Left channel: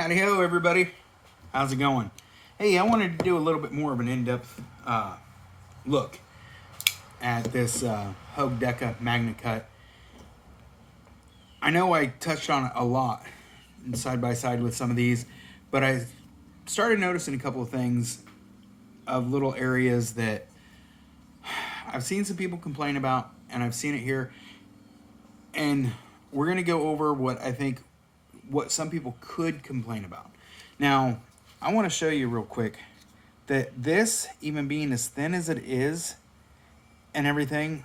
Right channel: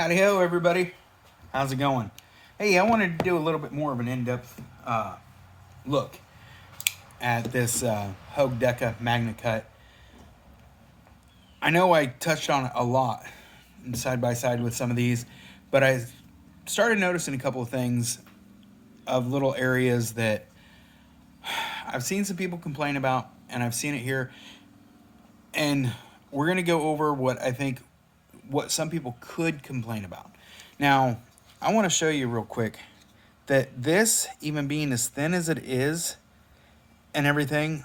Howdy ho, everybody. How's it going? Hey, I wanted to do a little bit more of an in-depth look at this Hogue Deka Magna Cut. I know I touched on it a lot side by side with some of these, but I started noticing a couple of things of little areas that I've seen some people complain about, and I've seen it here. And we're going to go over what I think what some people could complain about. Now, I want to show you real quick that this, even being as thin as it is and everything,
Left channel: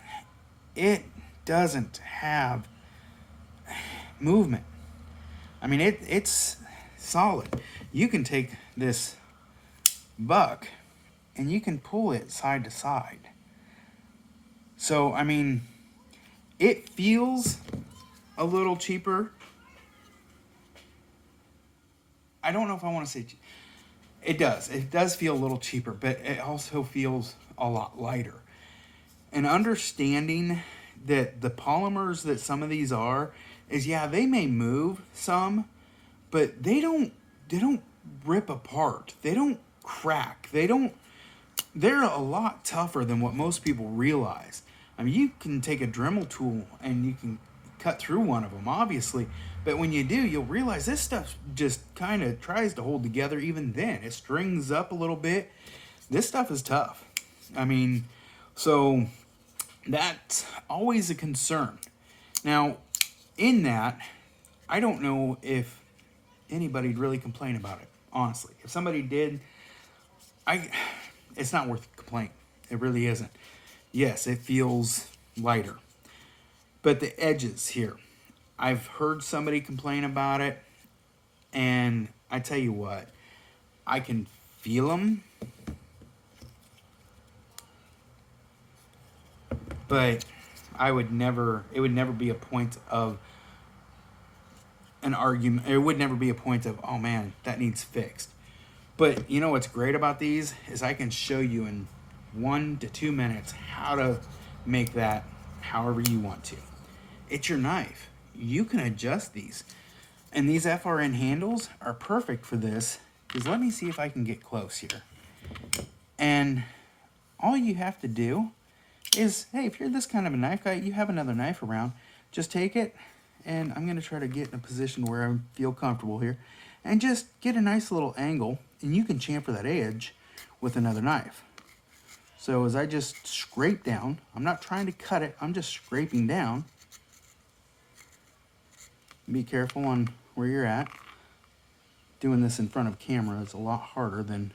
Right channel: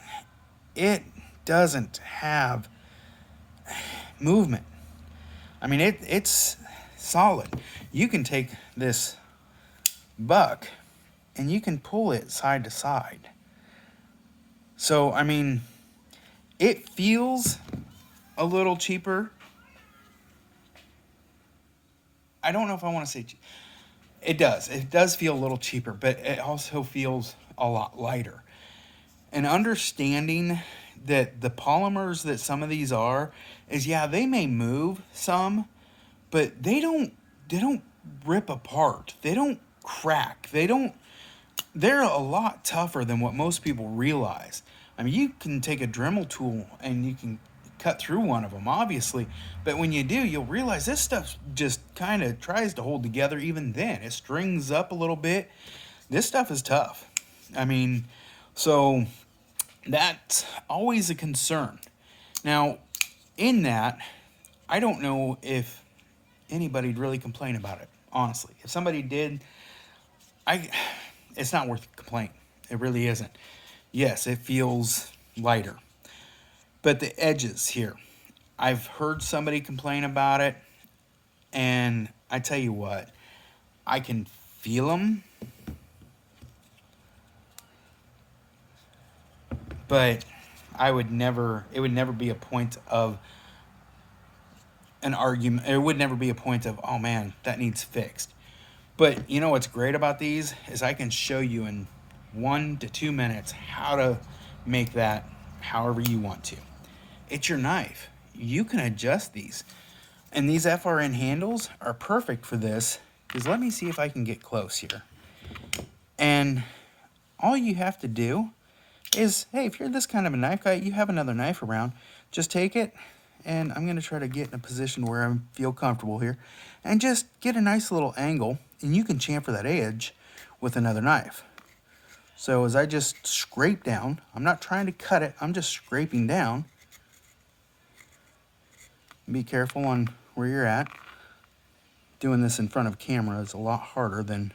it doesn't have movement. I mean, it's solid. You can take this buck and you can pull it side to side. So, I mean, it feels a little cheaper. I don't know if I want to say it does. It does feel a little cheaper, but it also feels a lot lighter. And understanding that the polymers that some of these are is, yeah, they may move some, but they don't rip apart. They don't crack. They're a lot tougher than what most people realize. I mean, you can take a Dremel tool and you can cut through one of them, obviously, but when you do, you'll realize this stuff just kind of tries to hold together. Even then, it strings up a little bit. This stuff is tough. I mean, so that's always a concern. Now, in that, I don't know if anybody'd really complain about it, honestly. If somebody did, it's not worth a complaint. It really isn't. Yes, it feels lighter. But the edges here, I've heard somebody complain about it, and I tell you what, I can feel them, but it would never be a point of an argument. It would never be a point of, oh man, that needs fixed. But you know what's great about these is I can show you in 1 to 2 minutes how to make that however you want to. It's your knife. You can adjust these. And these FRN handles are perfect for this, because let me see if I can get close here. And all you have to do is, hey, if you're this kind of a knife guy, you have another knife around, just take it, and I'm going to try to get in a position where I feel comfortable here, and just get a nice little angle, and you can chamfer that edge with another knife. So as I just scrape down, I'm not trying to cut it, I'm just scraping down. Be careful on where you're at. Doing this in front of camera is a lot harder than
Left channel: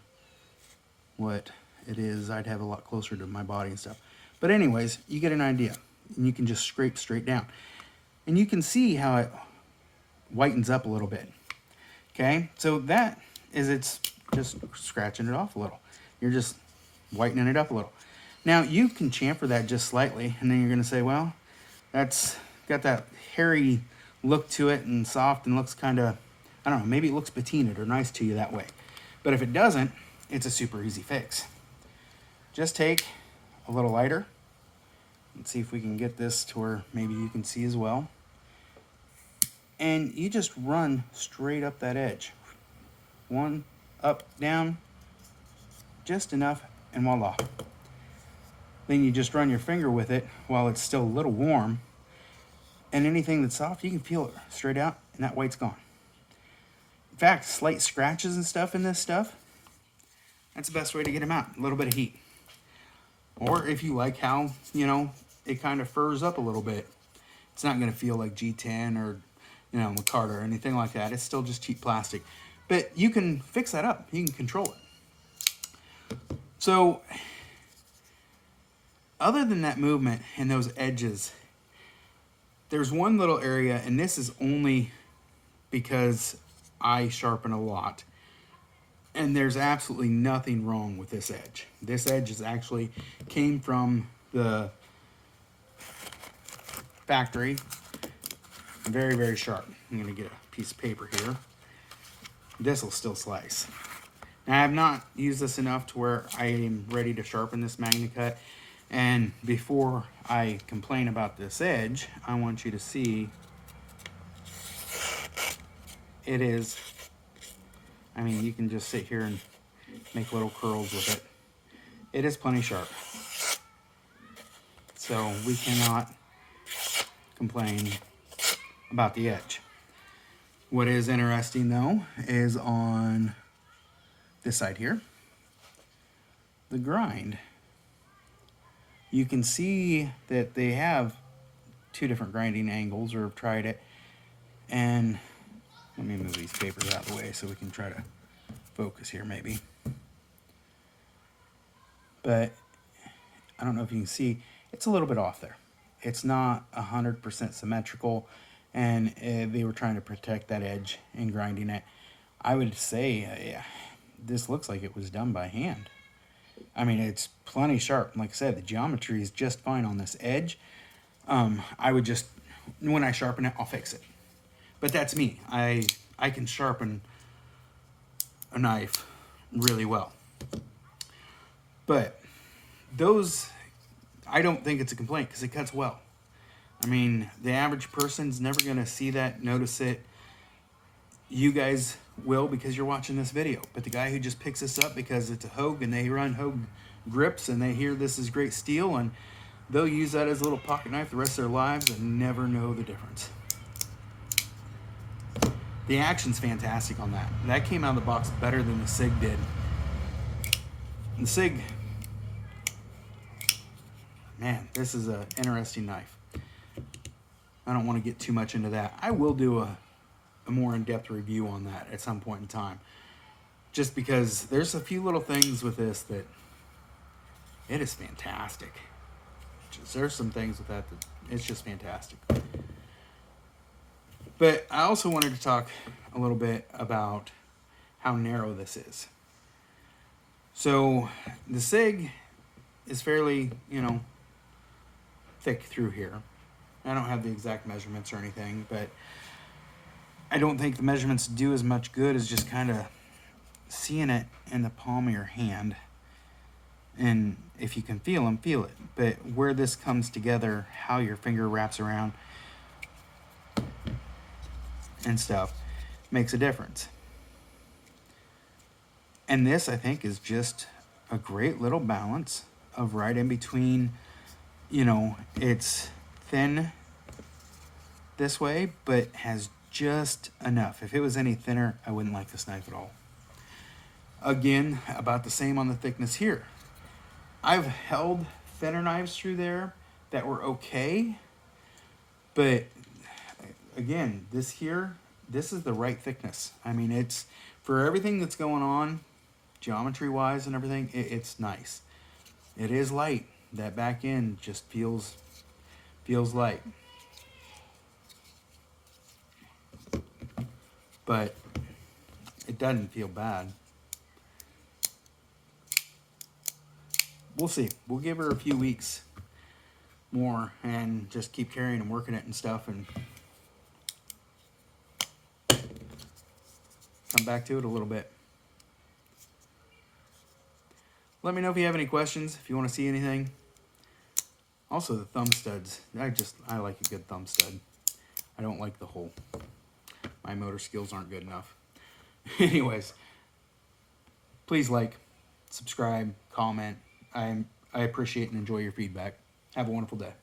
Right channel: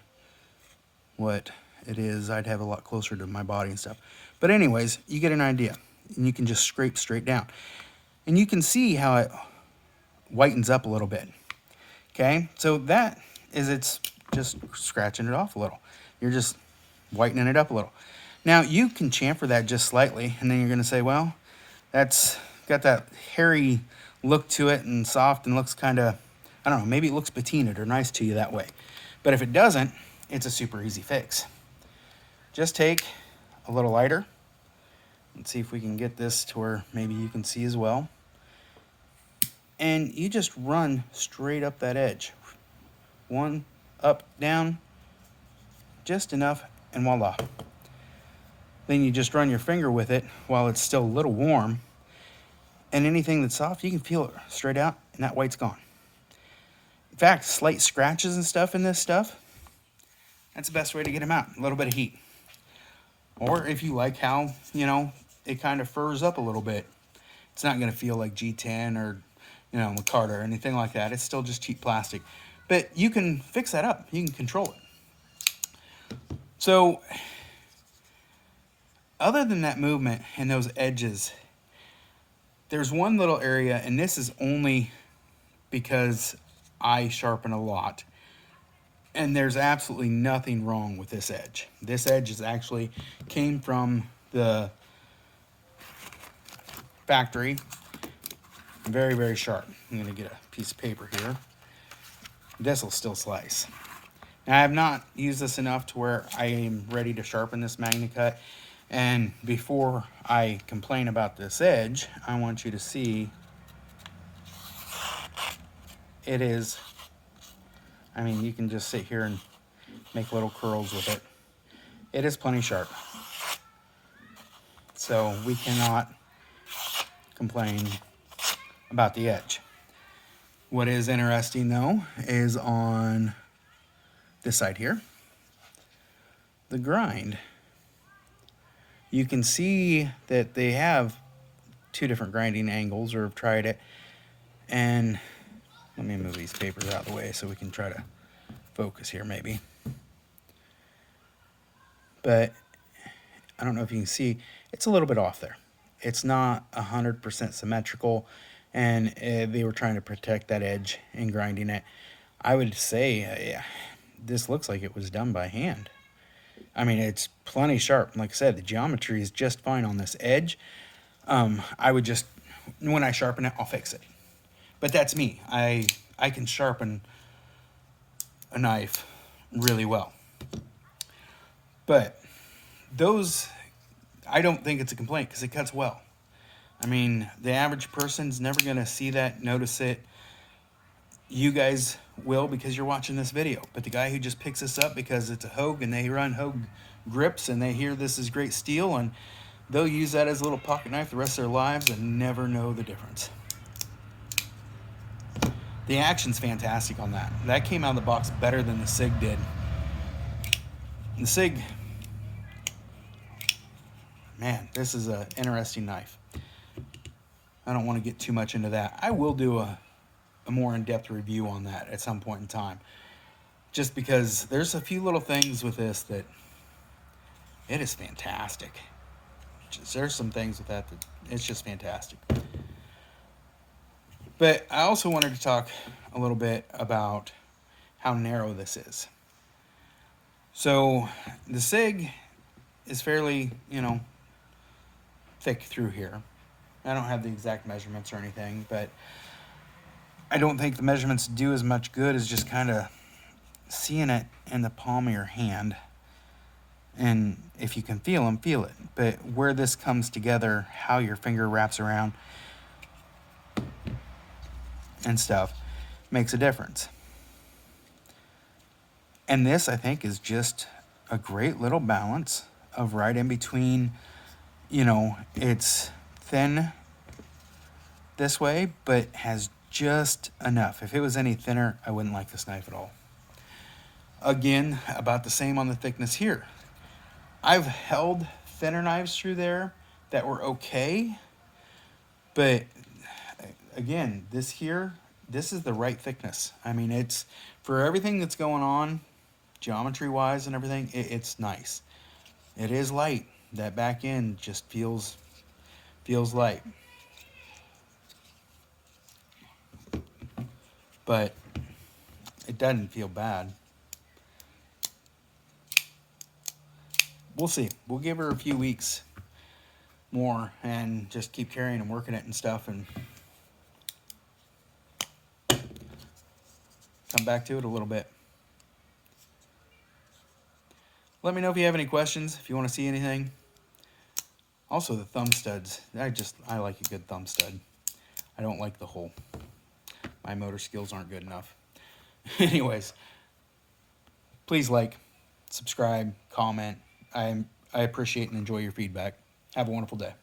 what it is. I'd have a lot closer to my body and stuff. But anyways, you get an idea. And you can just scrape straight down. And you can see how it whitens up a little bit. Okay? So that is, it's just scratching it off a little. You're just whitening it up a little. Now, you can chamfer that just slightly, and then you're going to say, well, that's got that hairy look to it and soft and looks kind of, I don't know, maybe it looks patinaed or nice to you that way. But if it doesn't, it's a super easy fix. Just take a little lighter and see if we can get this to where maybe you can see as well. And you just run straight up that edge. One, up, down, just enough, and voila. Then you just run your finger with it while it's still a little warm. And anything that's soft, you can feel it straight out, and that white's gone. In fact, slight scratches and stuff in this stuff, that's the best way to get them out. A little bit of heat. Or if you like how, you know, it kind of furs up a little bit, it's not going to feel like G10 or, you know, Micarta or anything like that. It's still just cheap plastic. But you can fix that up. You can control it. So, other than that movement and those edges, there's one little area, and this is only because I sharpen a lot, and there's absolutely nothing wrong with this edge. This edge is actually came from the factory. Very, very sharp. I'm going to get a piece of paper here. This will still slice. Now, I have not used this enough to where I am ready to sharpen this Magna Cut. And before I complain about this edge, I want you to see it is I mean, you can just sit here and make little curls with it. It is plenty sharp. So we cannot complain about the edge. What is interesting though is on this side here, the grind. You can see that they have two different grinding angles, or have tried it. And let me move these papers out of the way so we can try to focus here maybe. But I don't know if you can see, it's a little bit off there. It's not 100% symmetrical, and they were trying to protect that edge in grinding it. I would say this looks like it was done by hand. I mean, it's plenty sharp. Like I said, the geometry is just fine on this edge. I would just, when I sharpen it, I'll fix it. But that's me. I can sharpen a knife really well. But those, I don't think it's a complaint because it cuts well. I mean, the average person's never going to see that, notice it. You guys will because you're watching this video. But the guy who just picks this up because it's a Hogue and they run Hogue grips and they hear this is great steel, and they'll use that as a little pocket knife the rest of their lives and never know the difference. The action's fantastic on that. That came out of the box better than the SIG did. The SIG, man, this is an interesting knife. I don't want to get too much into that. I will do a more in-depth review on that at some point in time. Just because there's a few little things with this that it is fantastic. There's some things with that it's just fantastic. But I also wanted to talk a little bit about how narrow this is. So the SIG is fairly, thick through here. I don't have the exact measurements or anything, but I don't think the measurements do as much good as just kind of seeing it in the palm of your hand. And if you can feel them, feel it. But where this comes together, how your finger wraps around and stuff, makes a difference. And this, I think, is just a great little balance of right in between, it's thin this way, but has just enough. If it was any thinner, I wouldn't like this knife at all. Again, about the same on the thickness here. I've held thinner knives through there that were okay, but again, this is the right thickness. I mean, it's for everything that's going on, geometry-wise and everything, it's nice. It is light. That back end just feels light. But it doesn't feel bad. We'll see. We'll give her a few weeks more and just keep carrying and working it and stuff, and come back to it a little bit. Let me know if you have any questions, if you want to see anything. Also, the thumb studs. I like a good thumb stud. I don't like the hole. My motor skills aren't good enough. Anyways, please like, subscribe, comment. I appreciate and enjoy your feedback. Have a wonderful day.